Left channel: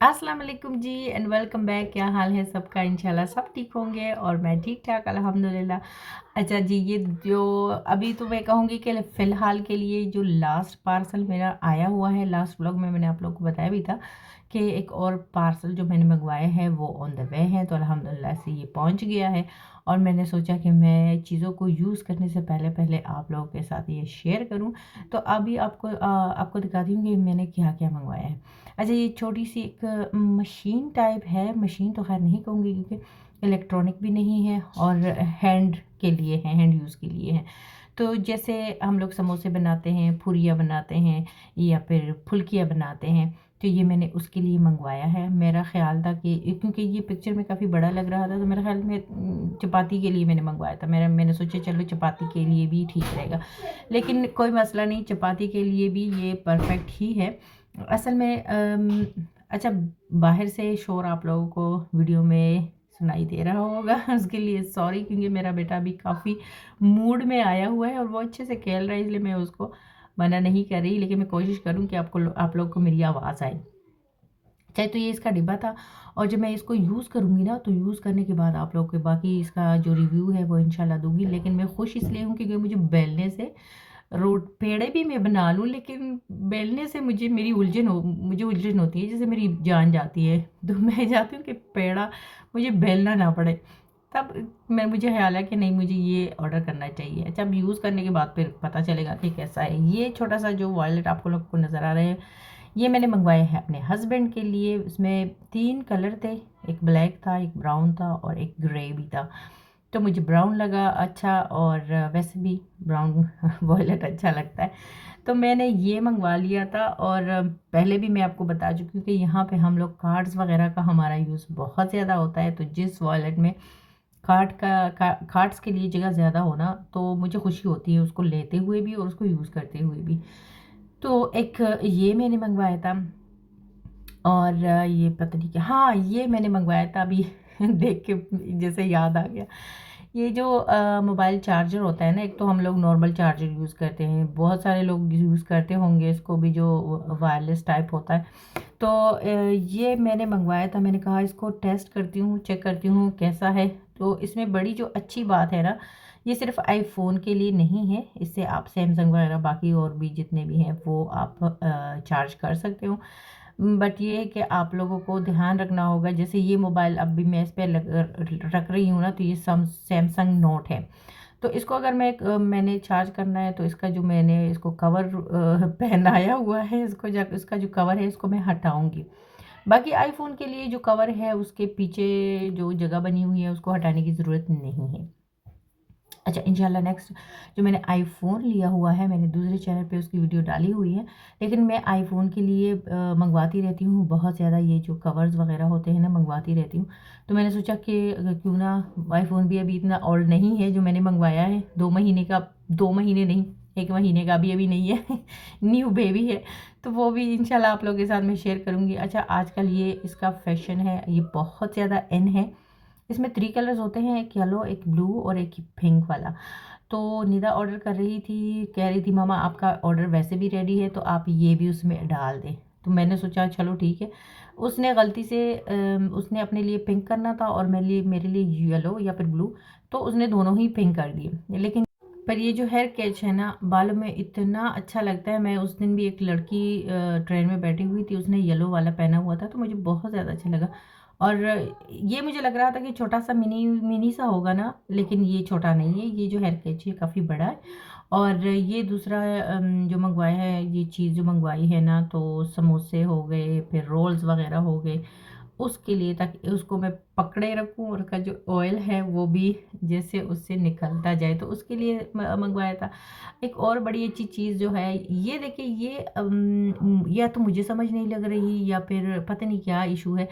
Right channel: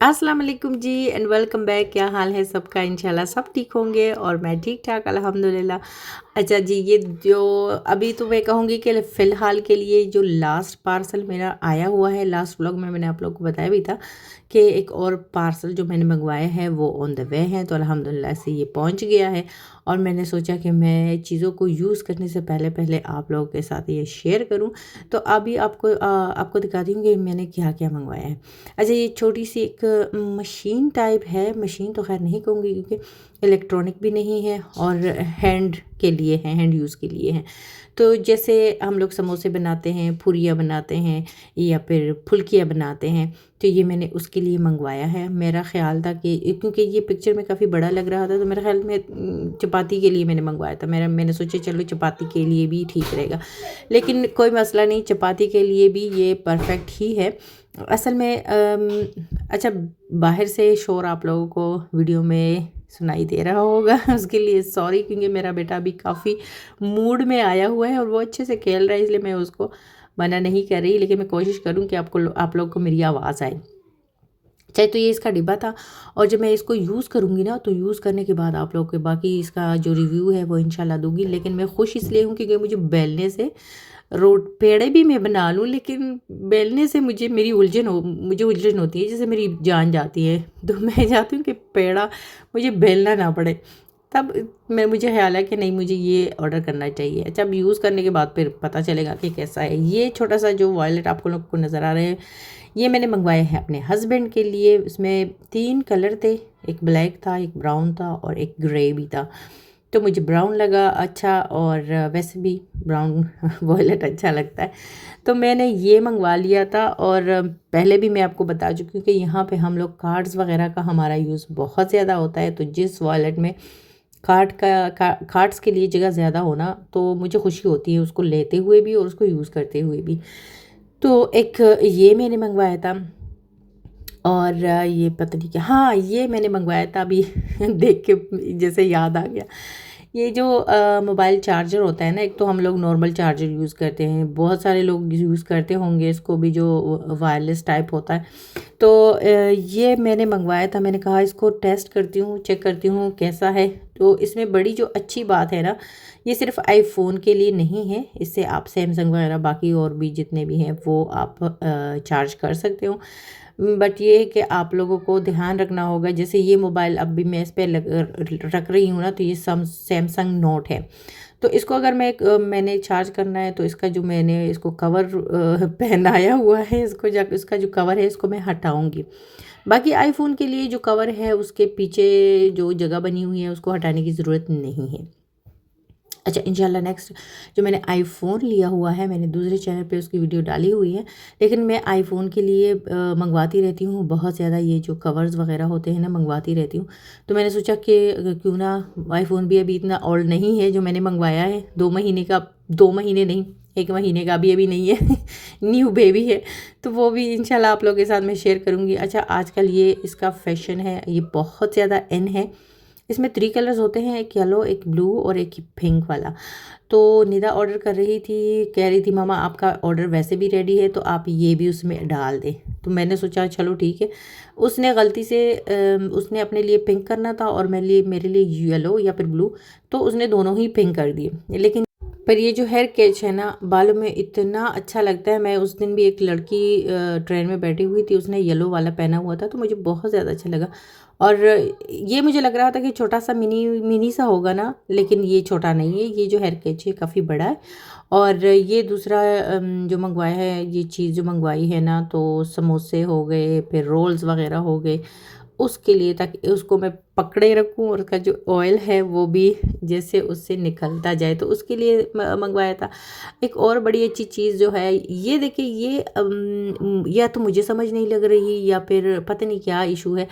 अस्सलाम वालेकुम जी and welcome back. क्या हाल है सबका? इंशाल्लाह सब ठीक होंगे और मैं ठीक ठाक अल्हम्दुलिल्लाह। अच्छा जी, ये जो अभी तो मैं कहूँगी कि फ़िलहाल के लिए जो लास्ट पार्सल मेरा आया हुआ है, लास्ट व्लॉग में मैंने आप लोगों को बताया भी था कि एक और पार्सल जो मैंने मंगवाया है वो ऑन द वे है, तो अल्हम्दुलिल्लाह से ये पहुंच गया है। और मैंने सोचा कि मैं चीज़ों को यूज़ करने से पहले पहले आप लोगों के साथ ये शेयर करूं। तो अभी आपको दिखाती हूँ कि मैंने क्या क्या मंगवाया है। अच्छा, ये छोटी सी एक मशीन टाइप है, मशीन तो खैर नहीं कहूँगी क्योंकि इलेक्ट्रॉनिक भी नहीं है और हैंड के लिए है, हैंड यूज़ के लिए है। तो जैसे हम लोग समोसे बनाते हैं, पूरियाँ बनाते हैं या फिर फुल्कियाँ बनाते हैं, तो ये मैंने उसके लिए मंगवाया है। मेरा ख़्याल था कि क्योंकि ये पिक्चर में काफ़ी बड़ा लग रहा था, तो मेरे ख़्याल में चपाती के लिए मैंने मंगवाया था। मैंने सोचा चलो चपाती के लिए भी ठीक रहेगा, लेकिन कोई मसला नहीं, चपाती के लिए भी ये परफेक्ट ही है। असल में अच्छा, बाहर से शोर आप लोगों को वीडियो में सुनाई दे रहा होगा उसके लिए सॉरी, क्योंकि मेरा बेटा अभी काफ़ी मूड में आया हुआ है और वो अच्छे से खेल रहा है, इसलिए मैं उसको मना नहीं कर रही, लेकिन मैं कोशिश करूँ कि आप लोगों को मेरी आवाज़ आए। चाहे तो ये इसका डिब्बा था, और जब मैं इसको यूज़ करूँगी ना, तो यूज़ करने के बाद आप लोगों के बाकी इसका जो रिव्यू है वो इंशाल्लाह दूँगी। लेकिन मैं खुश इसलिए हूँ क्योंकि मुझे बेलने से रोट पेड़े भी मैं बना लूँ, लेकिन बेलने से मुझे उलझन होती है, जैसे मेरी जान जाती है। तो मैं चाहती हूँ कि पेड़ा मुझे बेलना ना पड़े। तब मुझे ख़्याल है कि नहीं, मुझे ये ऑर्डर करना चाहिए। अच्छा, अब यूज़ करने के बाद फिर पता चलेगा कि कैसा है। ये छोटा सा जो वॉलेट आपको लोग को नज़र आ रहे हैं, ये मैंने मंगवाए हैं अपने हस्बैंड के लिए। इसमें 3 कलर थे, एक ब्लैक था, एक ब्राउन था और एक ग्रे भी था। तो मुझे ब्राउन लगा अच्छा, और वैसे भी ब्राउन वॉलेट अच्छा लगता है, तो मैंने ये मंगवा लिया था। और पहले भी मैं आपको बता चुकी हूँ कि यहाँ पे हम लोग कार्ड्स वगैरह का हमारा यूज़ बहुत ज़्यादा होता है, तो जिस वॉलेट में कार्ड्स के लिए जगह ज़्यादा होना, तो मुझे खुशी होती है उसको लेते हुए भी और उसको यूज़ करते हुए भी। तो एक ये मैंने मंगवाया था, और ये पता नहीं क्या, हाँ ये मैंने मंगवाया था अभी देख के जैसे याद आ गया। ये जो मोबाइल चार्जर होता है ना, एक तो हम लोग नॉर्मल चार्जर यूज़ करते हैं, बहुत सारे लोग यूज़ करते होंगे इसको भी, जो वायरलेस टाइप होता है। तो ये मैंने मंगवाया था, मैंने कहा इसको टेस्ट करती हूँ, चेक करती हूँ कैसा है। तो इसमें बड़ी जो अच्छी बात है ना, ये सिर्फ आईफोन के लिए नहीं है, इससे आप सैमसंग वगैरह बाकी और भी जितने भी हैं वो आप चार्ज कर सकते हो। बट ये है कि आप लोगों को ध्यान रखना होगा, जैसे ये मोबाइल अब भी मैं इस पर रख रही हूँ ना, तो ये सैमसंग नोट है। तो इसको अगर मैंने चार्ज करना है, तो इसका जो मैंने इसको कवर पहनाया हुआ है, इसका जो कवर है इसको मैं हटाऊंगी। बाकी आईफोन के लिए जो कवर है उसके पीछे जो जगह बनी हुई है उसको हटाने की ज़रूरत नहीं है। अच्छा, इंशाल्लाह नेक्स्ट जो मैंने आईफ़ोन लिया हुआ है, मैंने दूसरे चैनल पे उसकी वीडियो डाली हुई है, लेकिन मैं आईफ़ोन के लिए मंगवाती रहती हूँ बहुत ज़्यादा, ये जो कवर्स वगैरह होते हैं ना, मंगवाती रहती हूँ। तो मैंने सोचा कि क्यों ना, आईफ़ोन भी अभी इतना ओल्ड नहीं है जो मैंने मंगवाया है, 2 महीने का, 2 महीने नहीं, 1 महीने का भी अभी नहीं है न्यू बेबी है, तो वो भी इंशाल्लाह आप लोगों के साथ मैं शेयर करूँगी। अच्छा, आजकल ये इसका फ़ैशन है, ये बहुत ज़्यादा इन है। इसमें 3 कलर्स होते हैं, एक येलो, एक ब्लू और एक पिंक वाला। तो निदा ऑर्डर कर रही थी, कह रही थी मामा आपका ऑर्डर वैसे भी रेडी है, तो आप ये भी उसमें डाल दें। तो मैंने सोचा चलो ठीक है। उसने गलती से उसने अपने लिए पिंक करना था और मेरे लिए येलो या फिर ब्लू, तो उसने दोनों ही पिंक कर दिए। लेकिन पर ये जो हेयर कैच है ना, बालों में इतना अच्छा लगता है। मैं उस दिन भी एक लड़की ट्रेन में बैठी हुई थी, उसने येलो वाला पहना हुआ था, तो मुझे बहुत ज़्यादा अच्छा लगा। और ये मुझे लग रहा था कि छोटा सा मिनी मिनी सा होगा ना, लेकिन ये छोटा नहीं है, ये जो हेयर कैच है काफ़ी बड़ा है। और ये दूसरा जो मंगवाया है, ये चीज़ जो मंगवाई है ना, तो समोसे हो गए, फिर रोल्स वगैरह हो गए, उसके लिए, ताकि उसको मैं पकड़े रखूं और उसका जो ऑयल है वो भी जैसे उससे निकलता जाए, तो उसके लिए मंगवाया था। एक और बड़ी अच्छी चीज़ जो है, ये देखिए, ये या तो मुझे समझ नहीं लग रही या फिर पता नहीं क्या इशू है।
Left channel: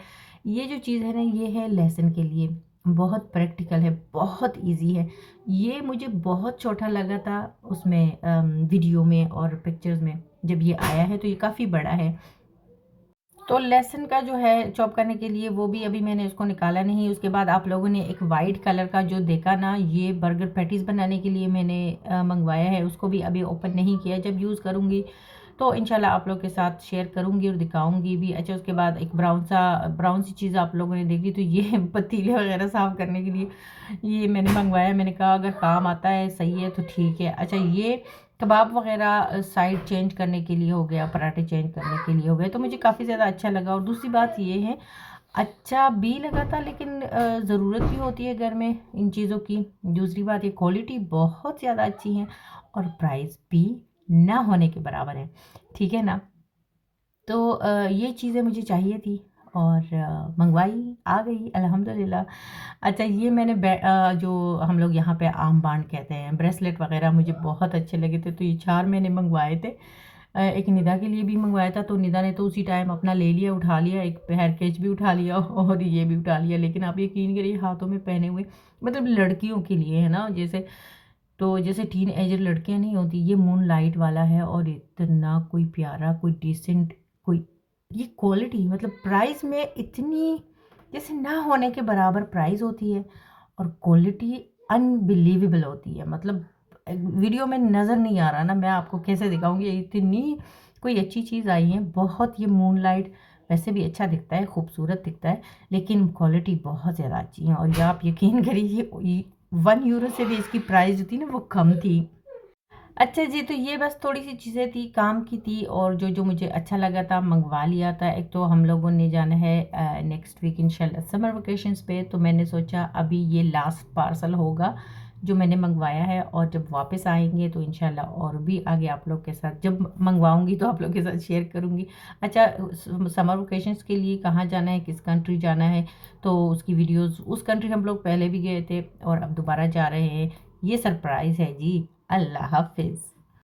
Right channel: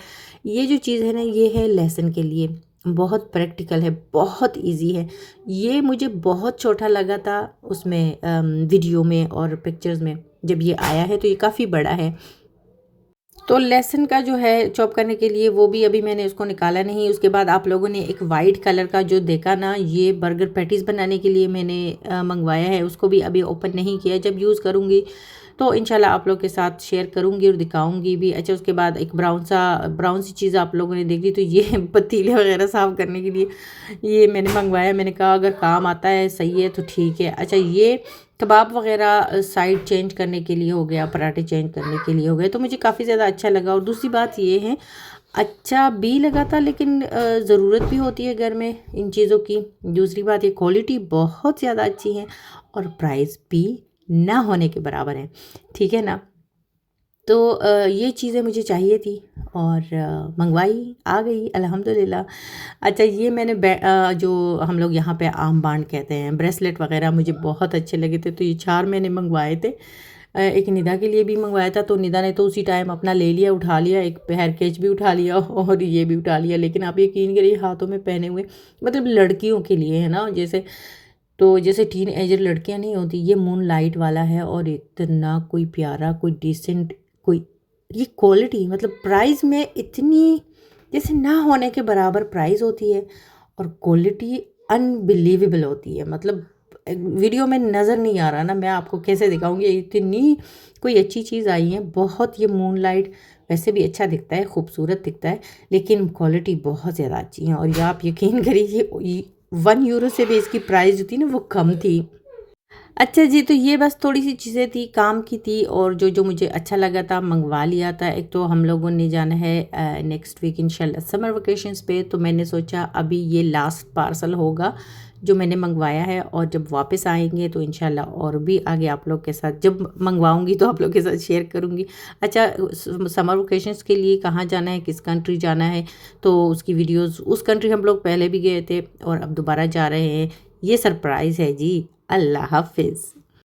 ये जो चीज़ है ना, ये है लहसुन के लिए, बहुत प्रैक्टिकल है, बहुत इजी है। ये मुझे बहुत छोटा लगा था उसमें वीडियो में और पिक्चर्स में, जब ये आया है तो ये काफ़ी बड़ा है। तो लहसुन का जो है चॉप करने के लिए, वो भी अभी मैंने उसको निकाला नहीं। उसके बाद आप लोगों ने एक वाइट कलर का जो देखा ना, ये बर्गर पैटीज़ बनाने के लिए मैंने मंगवाया है, उसको भी अभी ओपन नहीं किया। जब यूज़ करूँगी तो इंशाल्लाह आप लोग के साथ शेयर करूँगी और दिखाऊँगी भी। अच्छा, उसके बाद एक ब्राउन सी चीज़ आप लोगों ने देख ली, तो ये पतीले वगैरह साफ़ करने के लिए ये मैंने मंगवाया। मैंने कहा अगर काम आता है सही है तो ठीक है। अच्छा, ये कबाब वगैरह साइड चेंज करने के लिए हो गया, पराठे चेंज करने के लिए हो गए, तो मुझे काफ़ी ज़्यादा अच्छा लगा। और दूसरी बात ये है, अच्छा भी लगा था, लेकिन ज़रूरत भी होती है घर में इन चीज़ों की। दूसरी बात, ये क्वालिटी बहुत ज़्यादा अच्छी है और प्राइस भी ना होने के बराबर है, ठीक है ना। तो ये चीज़ें मुझे चाहिए थी और मंगवाई, आ गई अल्हम्दुलिल्लाह। अच्छा, ये मैंने जो हम लोग यहाँ पे आम बांड कहते हैं, ब्रेसलेट वगैरह मुझे बहुत अच्छे लगे थे, तो ये 4 मैंने मंगवाए थे। एक निदा के लिए भी मंगवाया था, तो निदा ने तो उसी टाइम अपना ले लिया, उठा लिया, एक हेयर कैच भी उठा लिया और ये भी उठा लिया। लेकिन आप यकीन करिए, हाथों में पहने हुए, मतलब लड़कियों के लिए है ना, जैसे तो जैसे टीन एजर लड़कियां नहीं होती, ये मून लाइट वाला है और इतना कोई प्यारा, कोई डिसेंट, कोई ये क्वालिटी, मतलब प्राइस में इतनी जैसे ना होने के बराबर प्राइस होती है और क्वालिटी अनबिलीवेबल होती है। मतलब वीडियो में नज़र नहीं आ रहा ना, मैं आपको कैसे दिखाऊंगी, इतनी कोई अच्छी चीज़ आई है बहुत। ये मून लाइट वैसे भी अच्छा दिखता है, खूबसूरत दिखता है, लेकिन क्वालिटी बहुत ज़्यादा अच्छी है। और ये आप यकीन करिए, 1 यूरो से भी इसकी प्राइस जो थी ना वो कम थी। अच्छा जी, तो ये बस थोड़ी-सी चीज़ें थी, काम की थी, और जो मुझे अच्छा लगा था मँगवा लिया था। एक तो हम लोगों ने जाना है नेक्स्ट वीक इंशाल्लाह समर वेकेशंस पे, तो मैंने सोचा अभी ये लास्ट पार्सल होगा जो मैंने मँगवाया है, और जब वापस आएँगे तो इंशाल्लाह और भी आगे आप लोग के साथ जब मँगवाऊँगी तो आप लोग के साथ शेयर करूँगी। अच्छा, समर वेकेशंस के लिए कहाँ जाना है, किस कंट्री जाना है, तो उसकी वीडियोज़, उस कंट्री हम लोग पहले भी गए थे और अब दोबारा जा रहे हैं। ये सरप्राइज़ है जी। अल्लाह हाफ़िज़।